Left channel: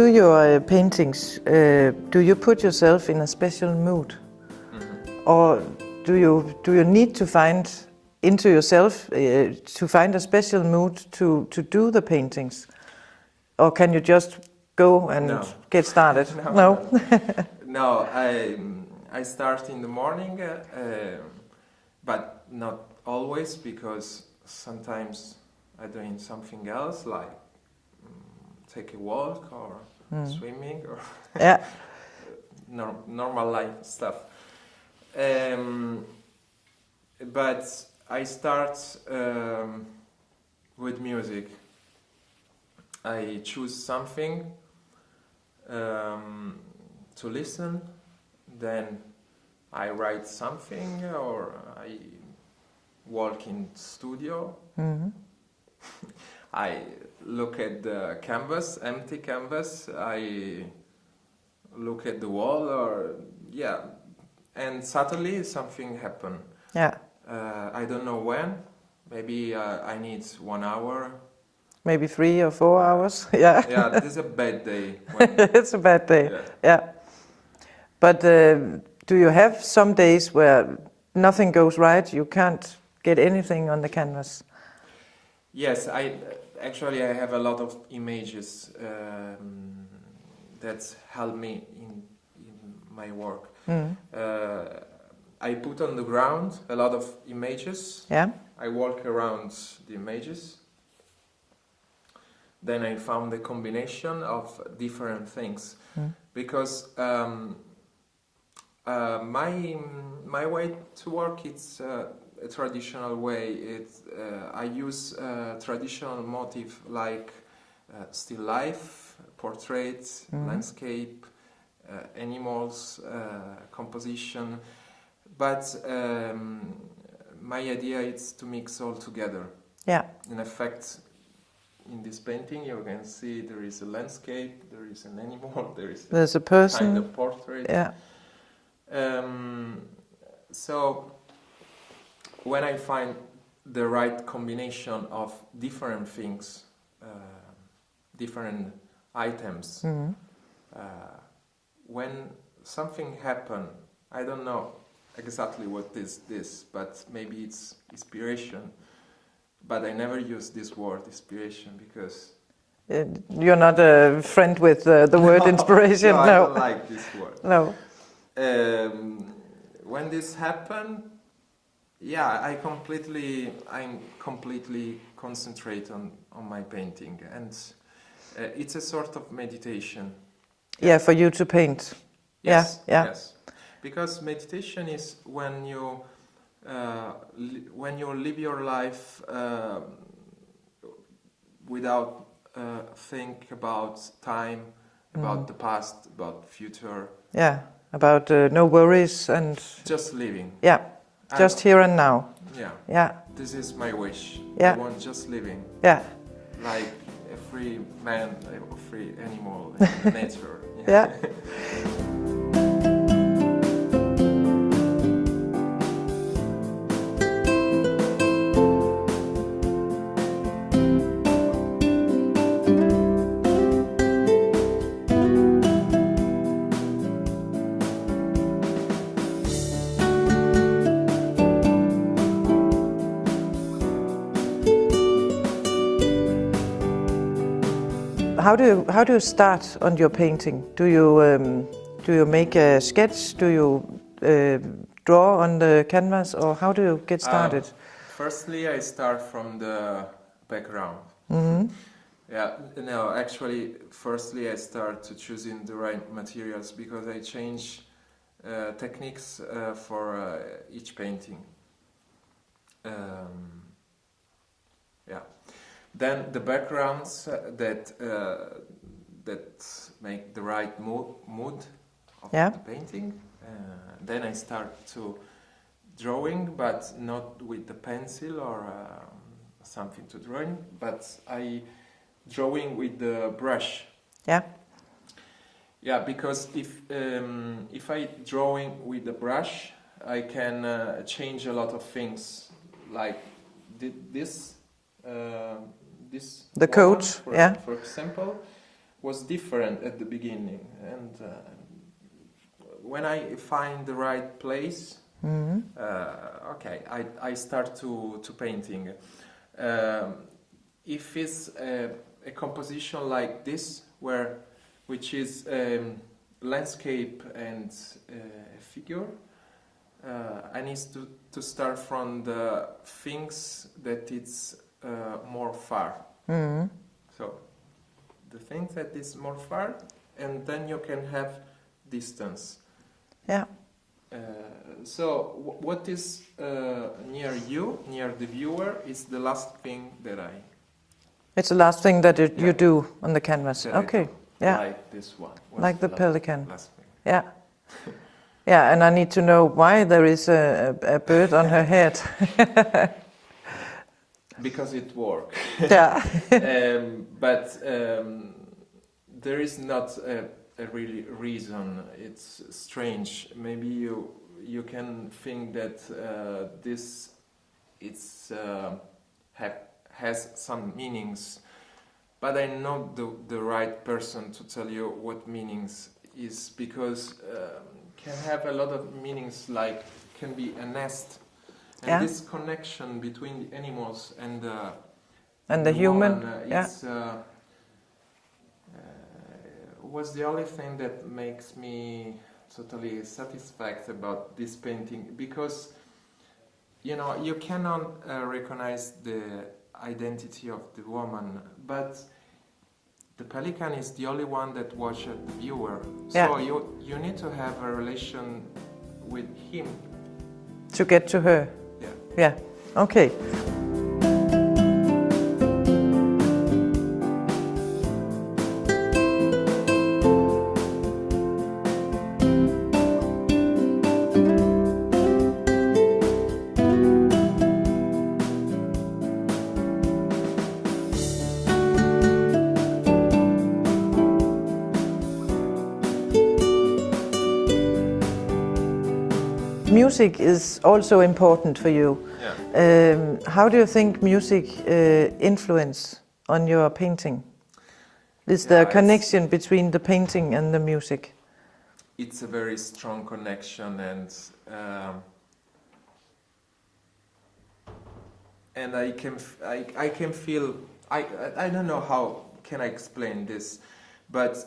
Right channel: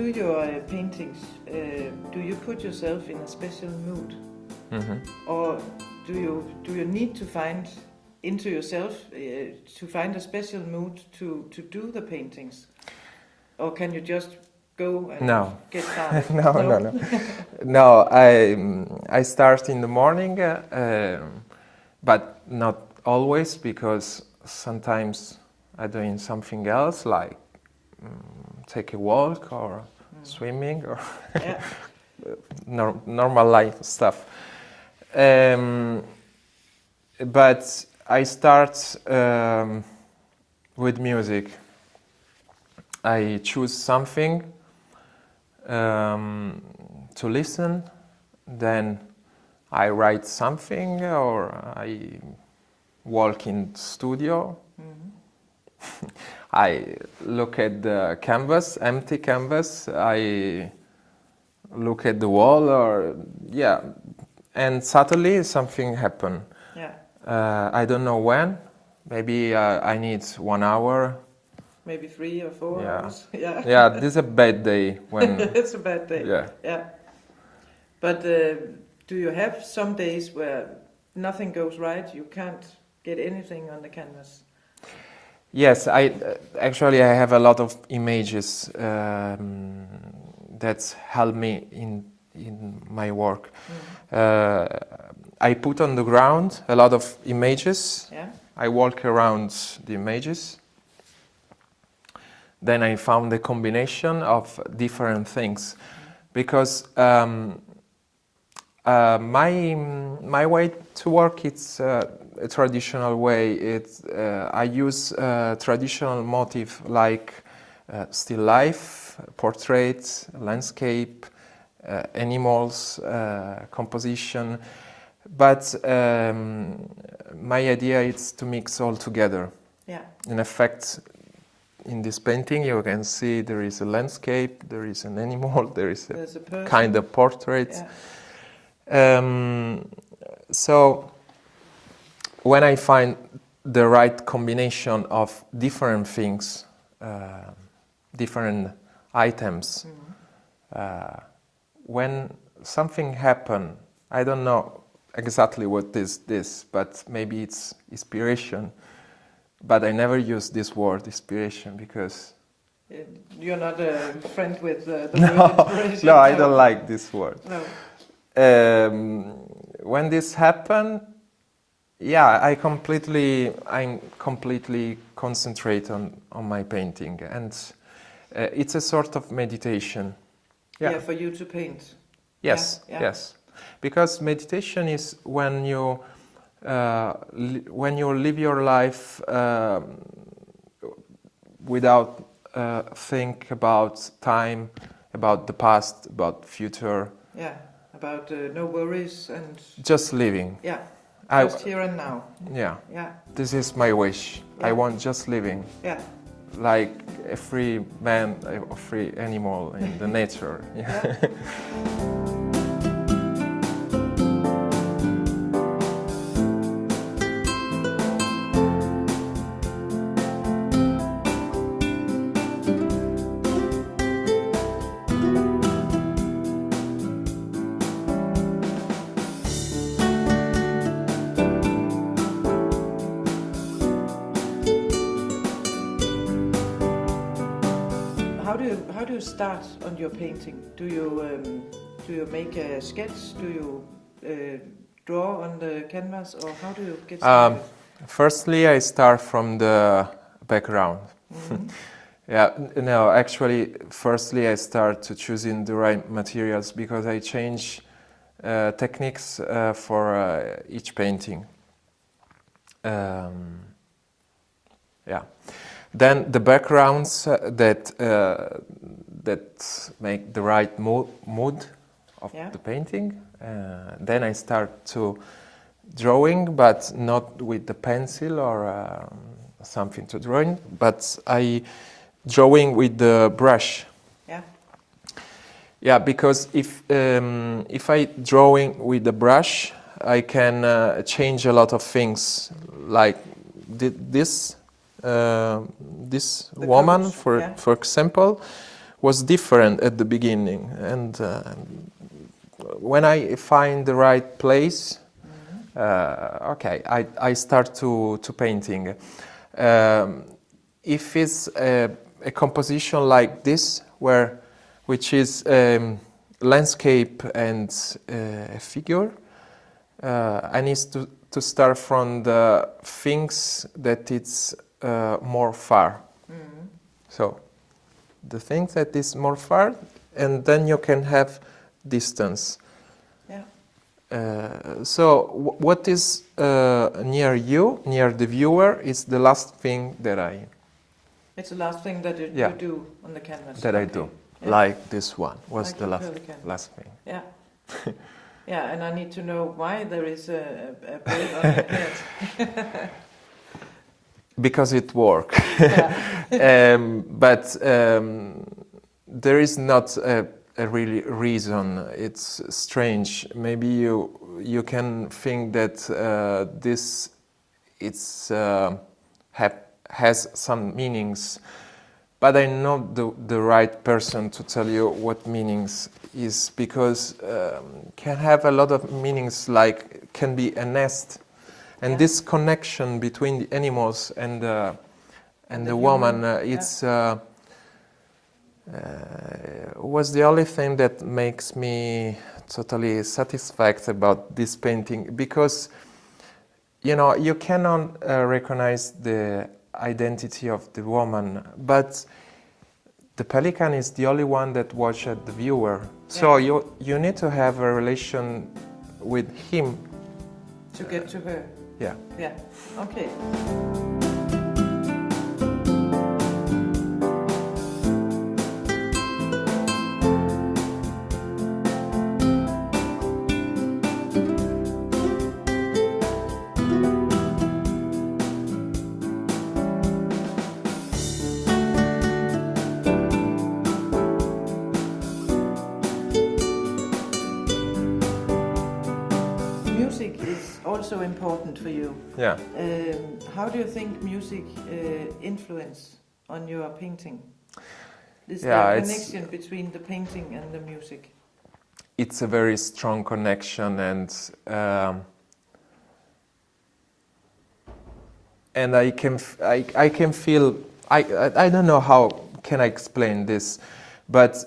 do your paintings, do you put yourself in a special mood? Or do you need to find into yourself to find a special mood to do the paintings? Or can you just go and get started? No, I start in the morning, but not always, because sometimes I'm doing something else, like take a walk or swimming or normal life stuff. But I start with music. I choose something to listen, then I write something, or I walk in the studio. I look at the canvas, empty canvas. I look at the wall, or and suddenly something happen. I don't know when. Maybe I need 1 hour. Maybe 3 or 4 hours. Yeah, this is a bad day. When it's a bad day. Yeah. But do you have some days where nothing goes right? You can't get anything on the canvas? Yes, I have a lot of images that help me in my work. I put on the ground a lot of images. I walk around the images. Then I found a combination of different things, because my way to work, it's a traditional way. I use traditional motif like still life, portraits, landscape, animals, composition. But my idea is to mix all together. In effect, in this painting, you can see there is a landscape, there is an animal, there's a person, kind of portrait. So when I find the right combination of different things, different items, when something happens, I don't know exactly what is this, but maybe it's inspiration. But I never use this word, inspiration, because... You're not a friend with the word inspiration? No, I don't like this word. No. When this happened, I'm completely concentrate on my painting. And it's a sort of meditation. For you to paint. Yes, yes. Because meditation is when you live your life without think about time, about the past, about the future. About no worries and... Just living. Just here and now. This is my wish. I want just living. Like a free man, a free animal in the nature. How do you start on your painting? Do you make a sketch? Do you draw on the canvas, or how do you get started? Firstly, I start from the background. Firstly I start to choosing the right materials, because I change techniques for each painting. Then the backgrounds that make the right mood of the painting. Then I start to drawing, but not with the pencil or something to drawing, but I drawing with the brush. Because if I drawing with the brush, I can change a lot of things, like this woman, for example, was different at the beginning, and when I find the right place, okay, I start to painting. If it's a composition like this, which is landscape and a figure, I need to start from the things that it's more far. So the things that is more far, and then you can have distance. Yeah. So what is near you, near the viewer, is the last thing that It's the last thing that Yeah. you do on the canvas. that Okay. I do. Yeah. Like this one was Like the last, pelican. last thing. Yeah. Yeah, and I need to know why there is a bird on her head. Because it works. Yeah. But there is not a really reason. It's strange. Maybe you can think that this has some meanings, but I'm not the right person to tell you what meanings is, because can have a lot of meanings, like can be a nest, and Yeah. this connection between the animals and the human, woman, yeah. it's was the only thing that makes me totally satisfied about this painting, because you cannot recognize the identity of the woman, but the pelican is the only one that watches the viewer. Yeah. So you need to have a relation with him. To get to her. Yeah. Yeah. Okay. Music is also important for you. Yeah. How do you think music influence on your painting? Is there a connection between the painting and the music? It's a very strong connection, and I can feel. I don't know how can I explain this, but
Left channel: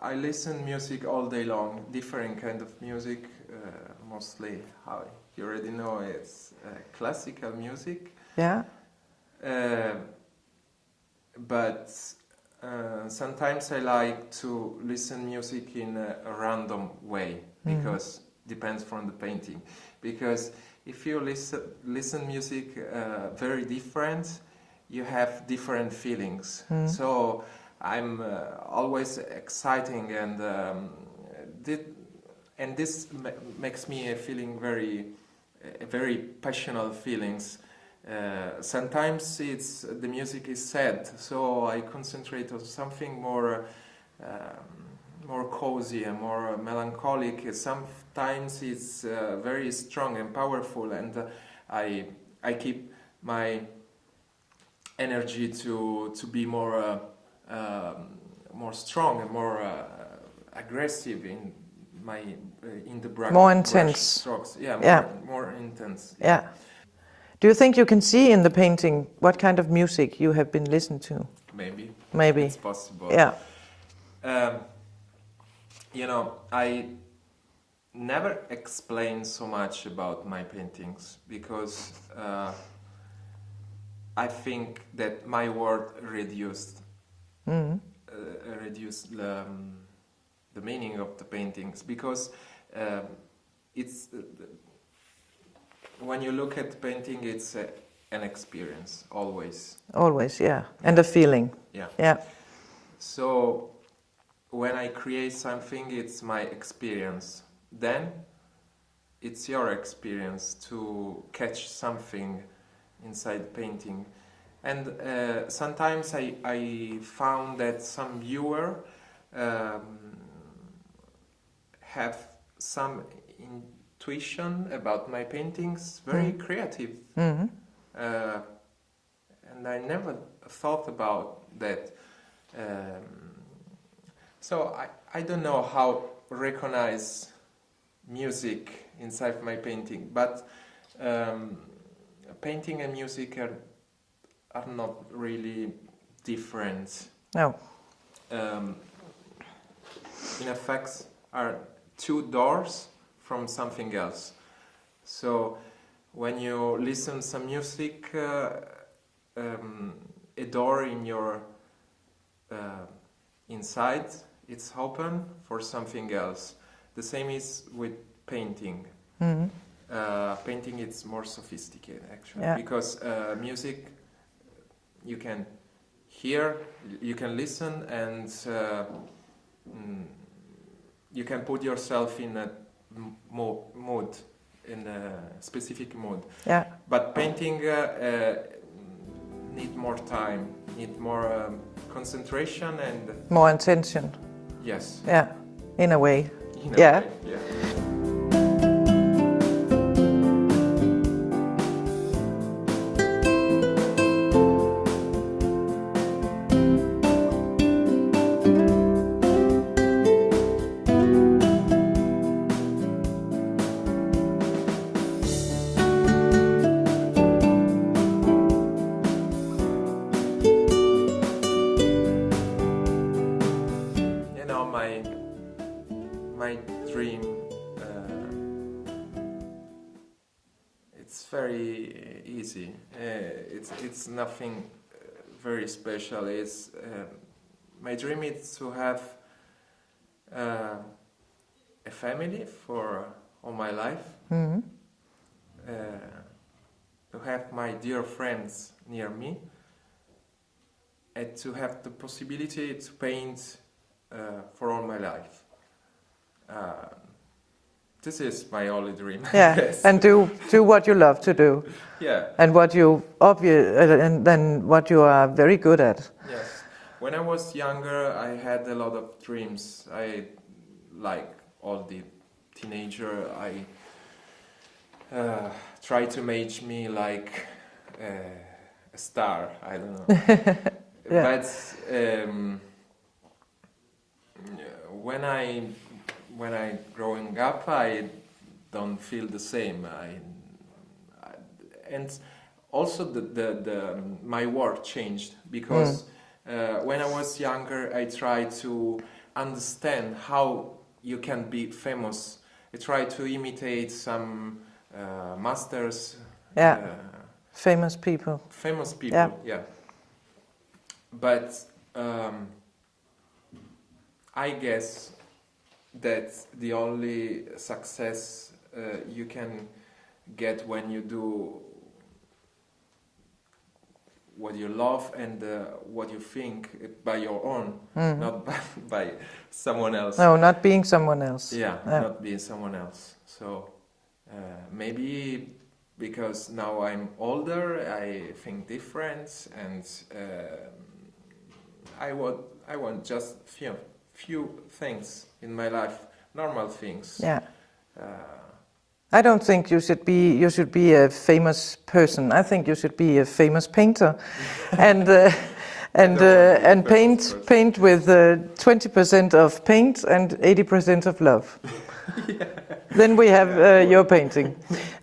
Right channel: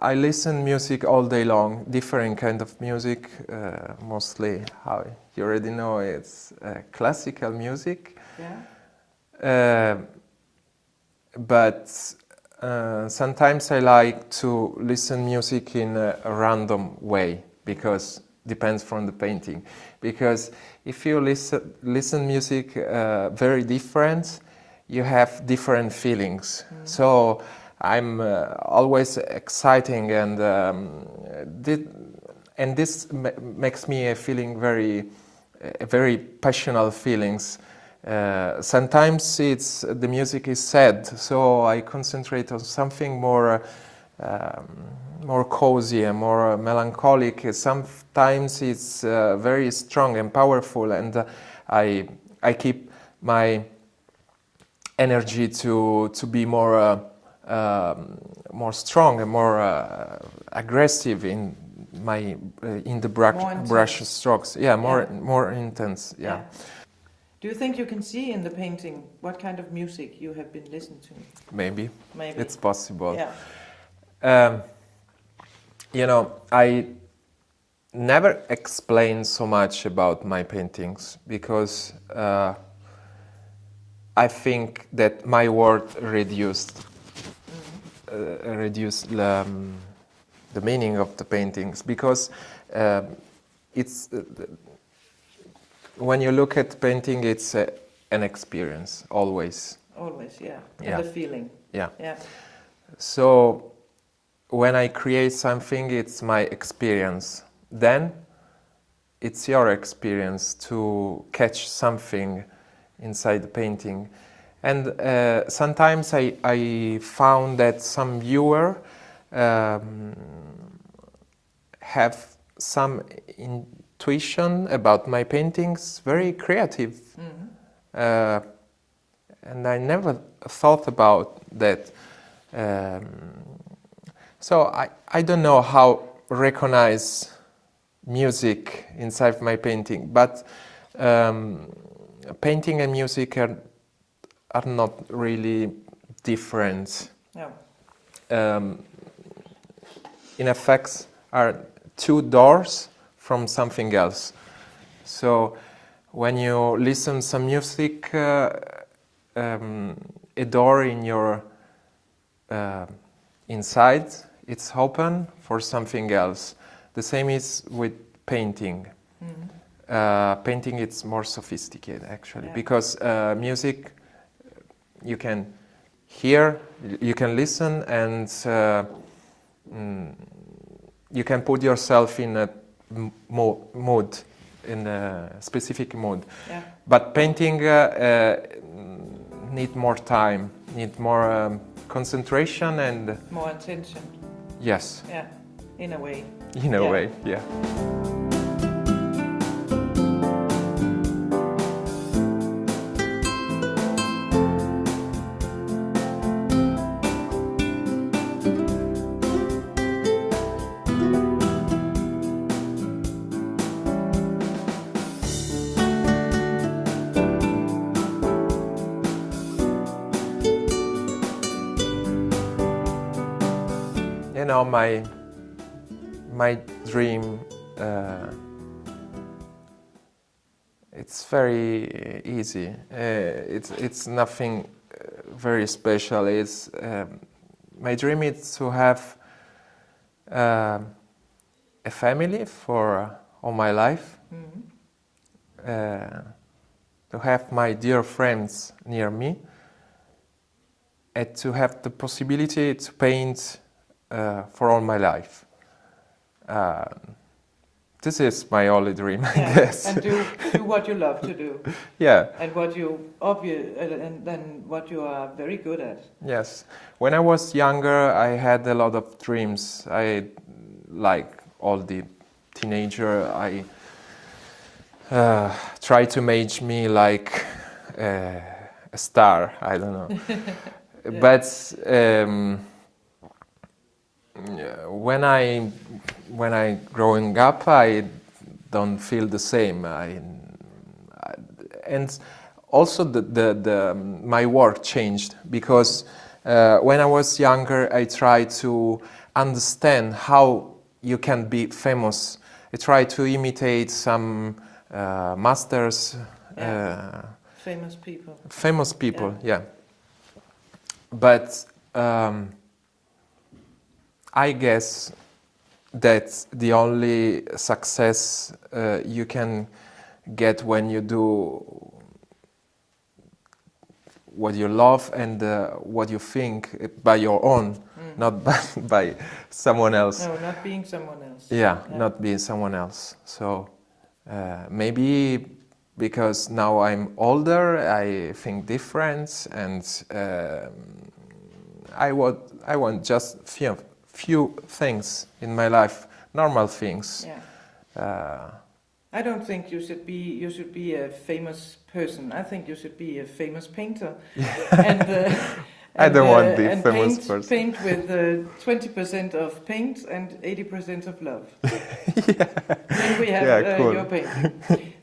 I listen music all day long, different kind of music, mostly, how you already know, it's classical music. Yeah. But sometimes I like to listen music in a random way, because depends from the painting. Because if you listen music very different, you have different feelings. So I'm always exciting, and this makes me feeling very passionate feelings. Sometimes the music is sad, so I concentrate on something more cozy and more melancholic. Sometimes it's very strong and powerful, and I keep my energy to be more strong and more aggressive in the brush strokes. Yeah, more intense. Yeah. Do you think you can see in the painting what kind of music you have been listening to? Maybe. Maybe. It's possible. Yeah. I never explain so much about my paintings, because I think that my word reduced the meaning of the paintings, because it's when you look at painting, it's an experience always. Always, yeah, and a feeling. Yeah. Yeah. So when I create something, it's my experience. Then it's your experience to catch something inside the painting. And sometimes I found that some viewer have some intuition about my paintings, very creative. And I never thought about that. So I don't know how recognize music inside my painting, but painting and music are not really different. No. In effect, are two doors from something else. So when you listen some music, a door in your inside, it's open for something else. The same is with painting. Mm-hmm. Painting it's more sophisticated actually, because music you can hear, you can listen, and you can put yourself in a mood, in a specific mood. Yeah. But painting need more time, need more concentration and more intention. Yes. Yeah, in a way. In a way, yeah. You know, my dream, it's very easy. It's nothing very special. It's my dream is to have a family for all my life. Mm-hmm. To have my dear friends near me, and to have the possibility to paint for all my life. This is my only dream. Yeah, yes. And do what you love to do. Yeah. And what you and then what you are very good at. Yes. When I was younger, I had a lot of dreams. I, like all the teenager, I tried to make me like a star. I don't know. Yeah. But when I growing up, I don't feel the same. And also my work changed because when I was younger, I tried to understand how you can be famous. I tried to imitate some masters. Yeah. Famous people. Famous people, yeah. But I guess that's the only success you can get when you do what you love and what you think by your own, not by someone else. No, not being someone else. Yeah, not being someone else. So maybe because now I'm older, I think different, and I want just few things in my life, normal things. Yeah. I don't think you should be a famous person. I think you should be a famous painter, and paint with 20% of paint and 80% of love. Yeah. Then we have cool. Your painting.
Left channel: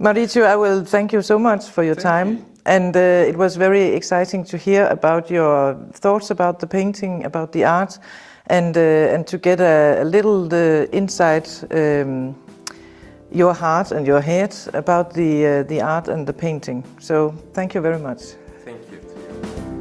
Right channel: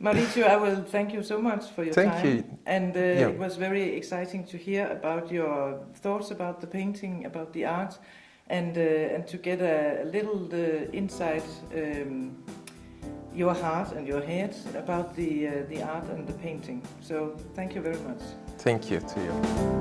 Maurizio, I will thank you so much for your time. You. And it was very exciting to hear about your thoughts about the painting, about the art, and to get a little inside your heart and your head about the art and the painting. So thank you very much. Thank you to you.